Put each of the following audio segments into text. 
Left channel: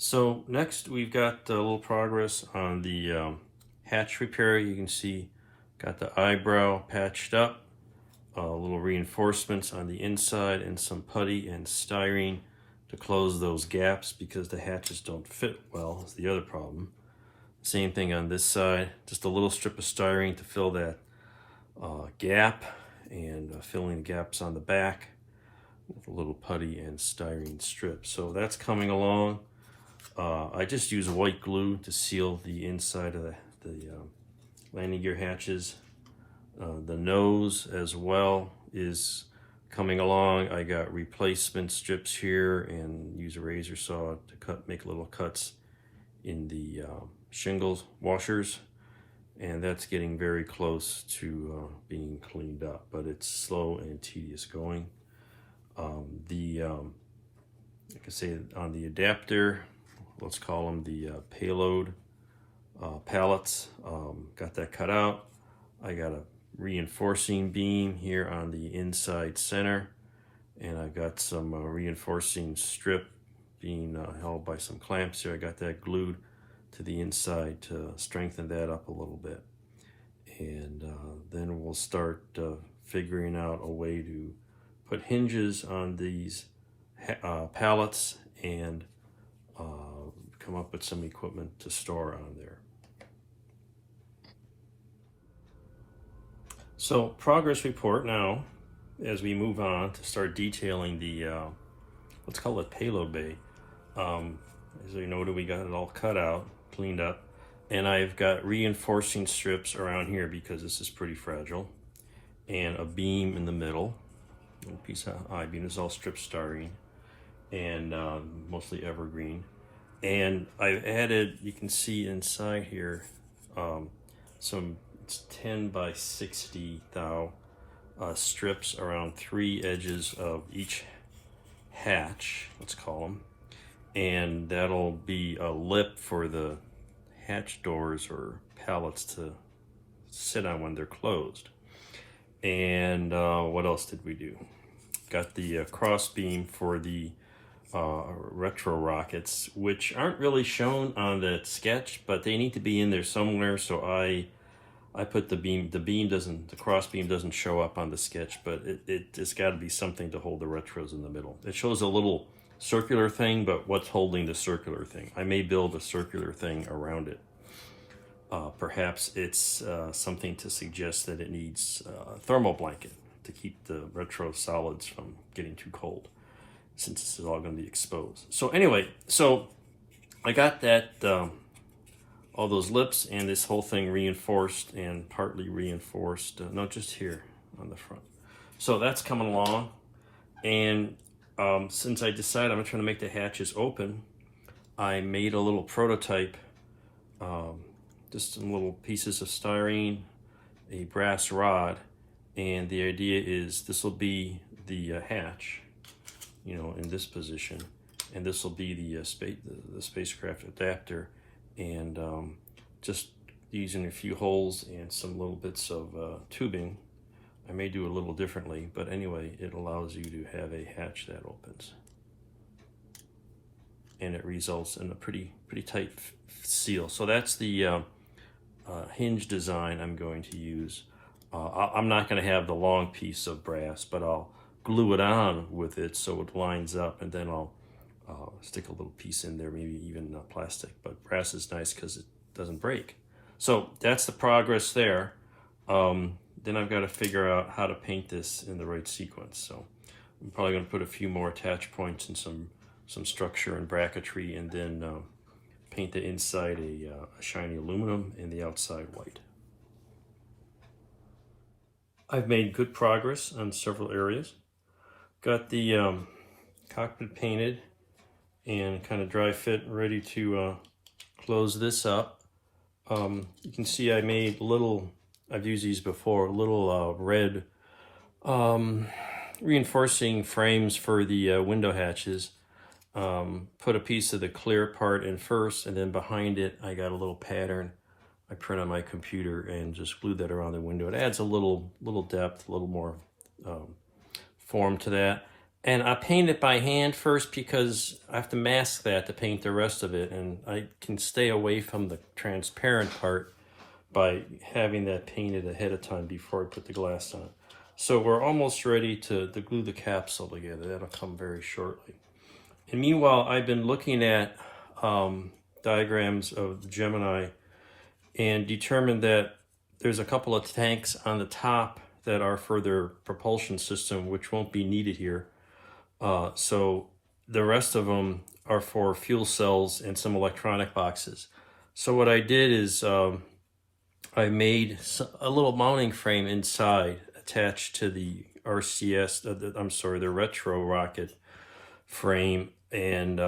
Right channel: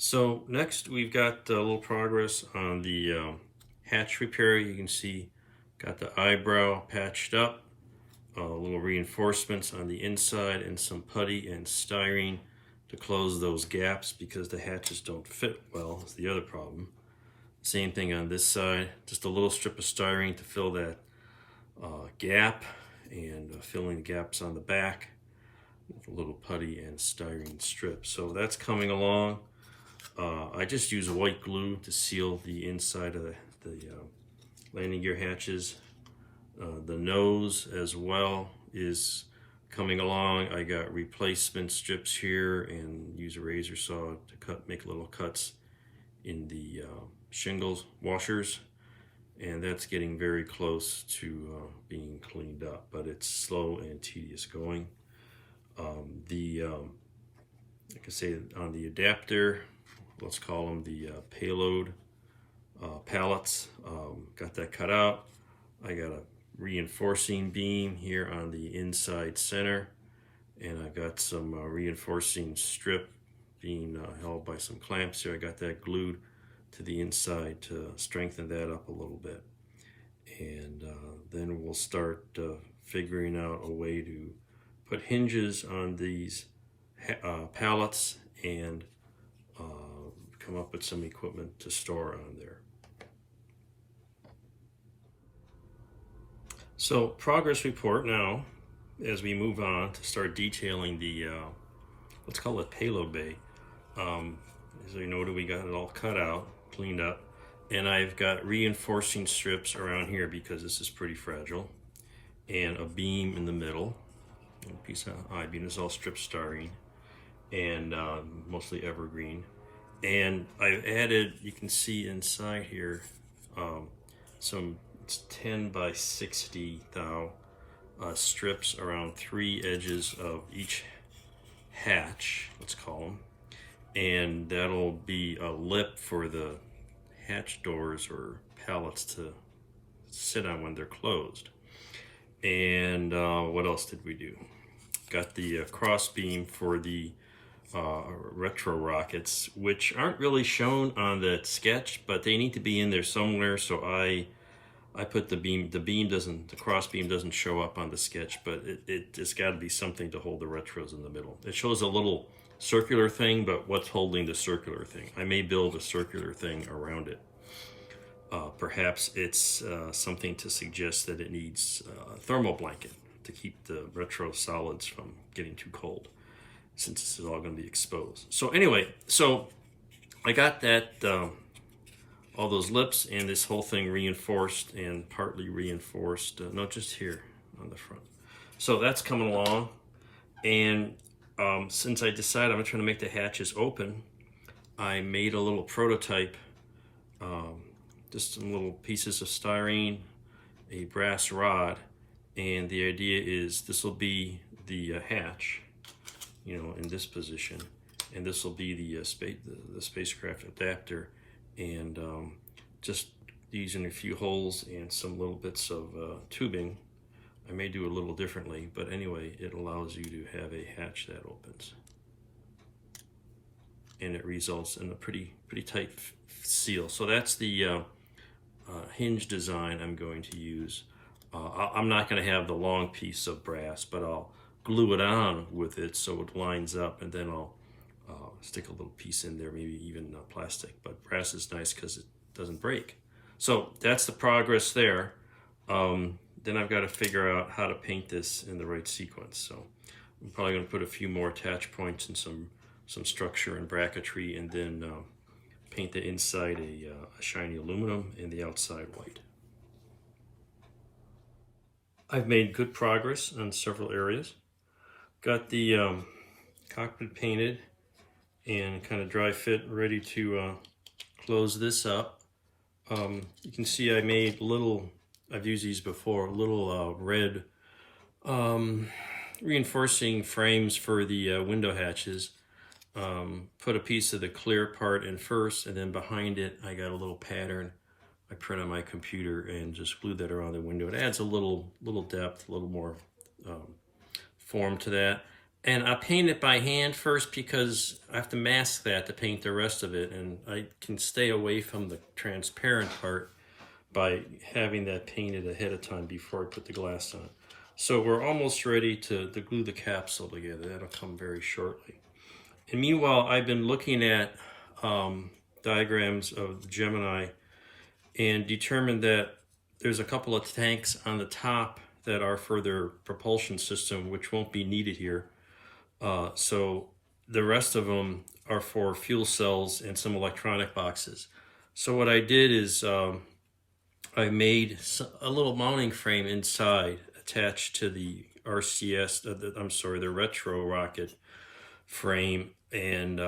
So next we've got a little progress on the hatch repair. You can see got the eyebrow patched up, little reinforcements on the inside and some putty and styrene to close those gaps because the hatches don't fit well is the other problem. Same thing on this side, just a little strip of styrene to fill that gap and filling the gaps on the back with a little putty and styrene strip. So that's coming along. I just use white glue to seal the inside of the landing gear hatches. The nose as well is coming along. I got replacement strips here and use a razor saw to make little cuts in the shingles washers, and that's getting very close to being cleaned up, but it's slow and tedious going. Like I say, on the adapter, let's call them the payload pallets, got that cut out. I got a reinforcing beam here on the inside center, and I got some reinforcing strip being held by some clamps here. I got that glued to the inside to strengthen that up a little bit, and then we'll start figuring out a way to put hinges on these pallets and come up with some equipment to store on there. So progress report now as we move on to start detailing the let's call it payload bay. As you noted, we got it all cut out, cleaned up, and I've got reinforcing strips around here because this is pretty fragile, and a beam in the middle, a piece of I-beam. This is all strip styrene and mostly evergreen. And I've added, you can see inside here, some 10 by 60 thou strips around 3 edges of each hatch, let's call them, and that'll be a lip for the hatch doors or pallets to sit on when they're closed. And what else did we do? Got the cross beam for the retro rockets, which aren't really shown on the sketch, but they need to be in there somewhere. So I put the cross beam doesn't show up on the sketch, but it's got to be something to hold the retros in the middle. It shows a little circular thing, but what's holding the circular thing? I may build a circular thing around it. Perhaps it's something to suggest that it needs a thermal blanket to keep the retro solids from getting too cold, since this is all going to be exposed. So anyway, so I got that, all those lips and this whole thing reinforced and partly reinforced, not just here on the front. So that's coming along. And since I decided I'm trying to make the hatches open, I made a little prototype, just some little pieces of styrene, a brass rod, and the idea is this will be the hatch, you know, in this position, and this will be the spacecraft adapter, and just using a few holes and some little bits of tubing. I may do a little differently, but anyway, it allows you to have a hatch that opens, and it results in a pretty tight seal. So that's the hinge design I'm going to use. I'm not going to have the long piece of brass, but I'll glue it on with it so it lines up, and then I'll stick a little piece in there, maybe even plastic, but brass is nice because it doesn't break. So that's the progress there. Then I've got to figure out how to paint this in the right sequence. So I'm probably going to put a few more attach points and some structure and bracketry, and then paint the inside a shiny aluminum and the outside white. I've made good progress on several areas. Got the cockpit painted and kind of dry fit, ready to close this up. You can see I made little, I've used these before, little red reinforcing frames for the window hatches. Put a piece of the clear part in first, and then behind it I got a little pattern I print on my computer and just glue that around the window. It adds a little depth, a little more form to that. And I paint it by hand first because I have to mask that to paint the rest of it, and I can stay away from the transparent part by having that painted ahead of time before I put the glass on. So we're almost ready to glue the capsule together. That'll come very shortly. And meanwhile, I've been looking at diagrams of the Gemini and determined that there's a couple of tanks on the top that are for their propulsion system, which won't be needed here. So the rest of them are for fuel cells and some electronic boxes. So what I did is I made a little mounting frame inside attached to the RCS, the retro rocket frame, and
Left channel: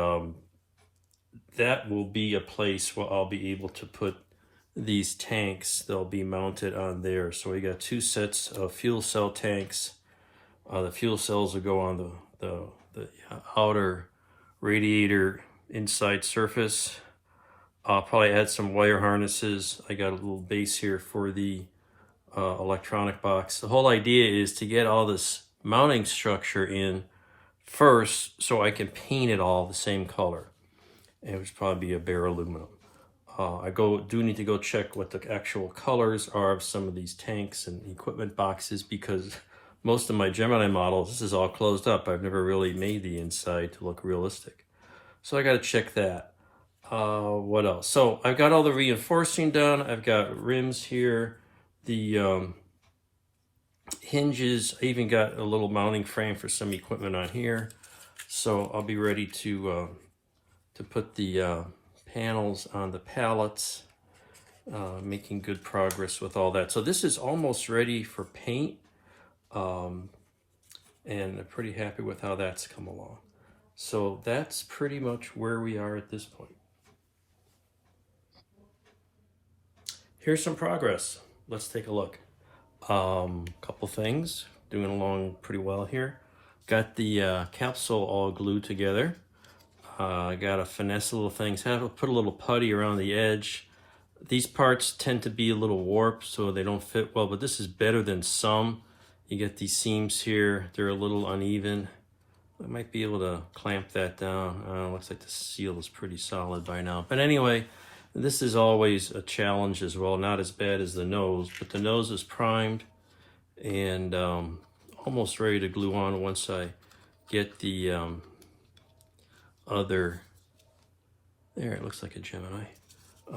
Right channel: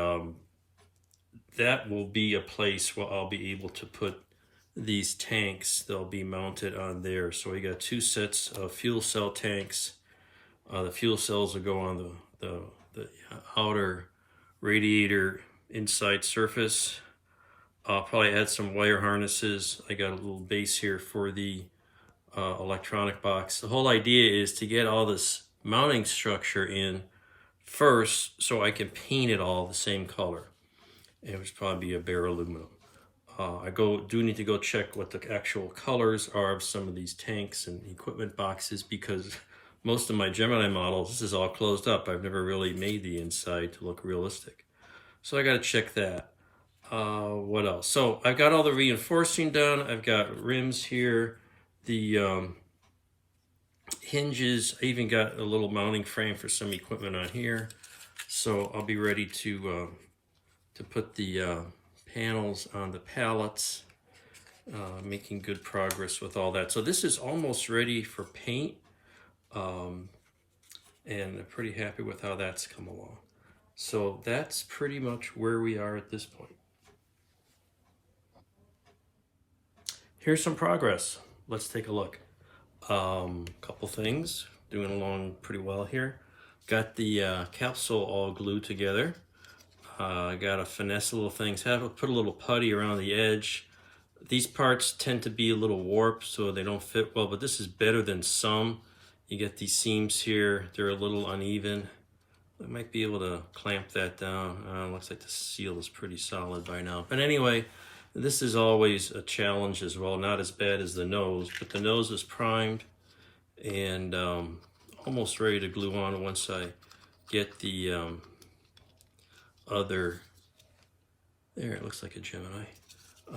that will be a place where I'll be able to put these tanks. They'll be mounted on there. So we got 2 sets of fuel cell tanks. The fuel cells will go on the outer radiator inside surface. I'll probably add some wire harnesses. I got a little base here for the electronic box. The whole idea is to get all this mounting structure in first so I can paint it all the same color. And it would probably be a bare aluminum. I do need to go check what the actual colors are of some of these tanks and equipment boxes, because most of my Gemini models, this is all closed up. I've never really made the inside to look realistic. So I got to check that. What else? So I've got all the reinforcing done. I've got rims here, the hinges. I even got a little mounting frame for some equipment on here. So I'll be ready to put the panels on the pallets, making good progress with all that. So this is almost ready for paint, and I'm pretty happy with how that's come along. So that's pretty much where we are at this point. Here's some progress. Let's take a look. Couple things, doing along pretty well here. Got the capsule all glued together. Got to finesse little things. Have to put a little putty around the edge. These parts tend to be a little warped, so they don't fit well, but this is better than some. You get these seams here, they're a little uneven. I might be able to clamp that down. Looks like the seal is pretty solid by now. But anyway, this is always a challenge as well. Not as bad as the nose, but the nose is primed and almost ready to glue on once I get the other, there, it looks like a Gemini,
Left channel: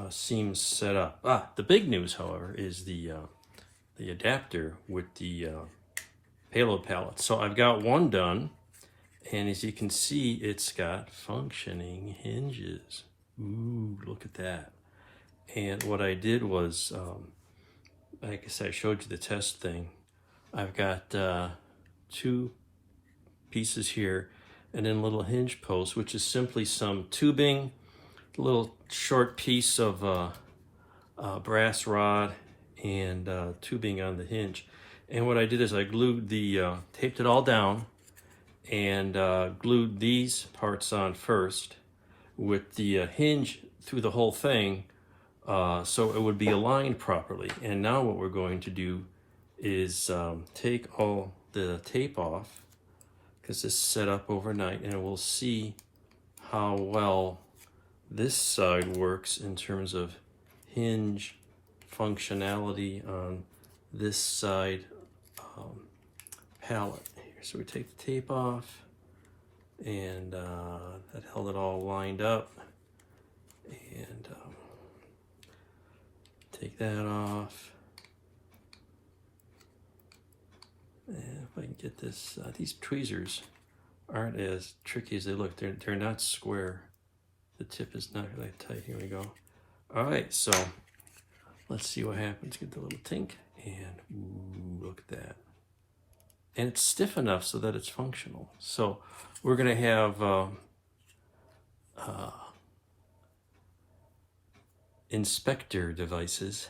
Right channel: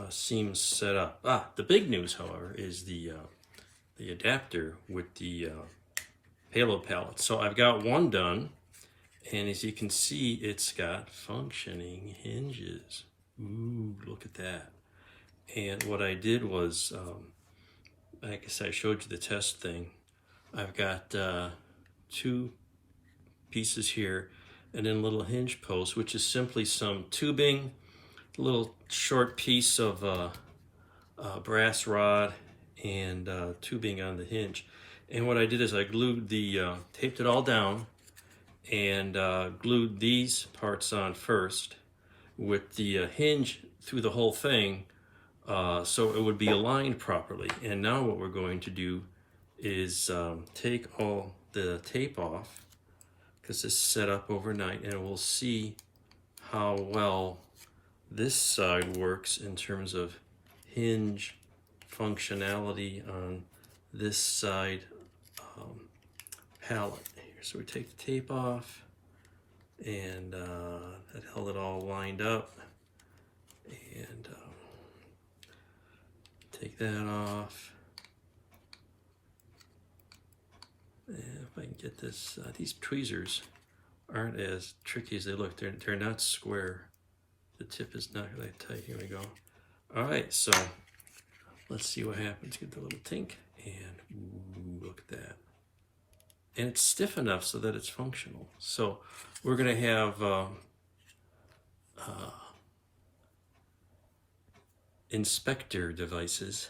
seams set up. The big news, however, is the adapter with the payload pallet. So I've got one done, and as you can see, it's got functioning hinges. Ooh, look at that. And what I did was, I guess I showed you the test thing. I've got 2 pieces here, and then little hinge posts, which is simply some tubing, a little short piece of brass rod, and tubing on the hinge. And what I did is I glued taped it all down, and glued these parts on first with the hinge through the whole thing, so it would be aligned properly. And now what we're going to do is take all the tape off, because this is set up overnight, and we'll see how well this side works in terms of hinge functionality on this side pallet. So we take the tape off, and that held it all lined up, and take that off. And if I can get this, these tweezers aren't as tricky as they look. They're not square. The tip is not really tight. Here we go. All right, so let's see what happens. Get the little tink, and ooh, look at that. And it's stiff enough so that it's functional. So we're gonna have inspector devices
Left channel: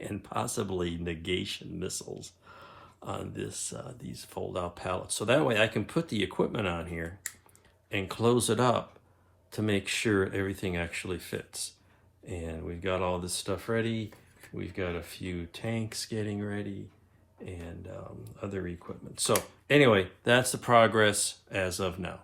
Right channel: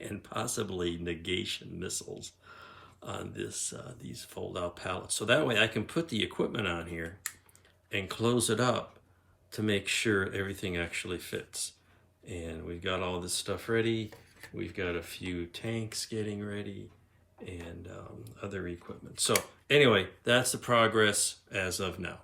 and possibly negation missiles on this these fold-out pallets. So that way I can put the equipment on here and close it up to make sure everything actually fits. And we've got all this stuff ready. We've got a few tanks getting ready and other equipment. So Anyway, that's the progress as of now.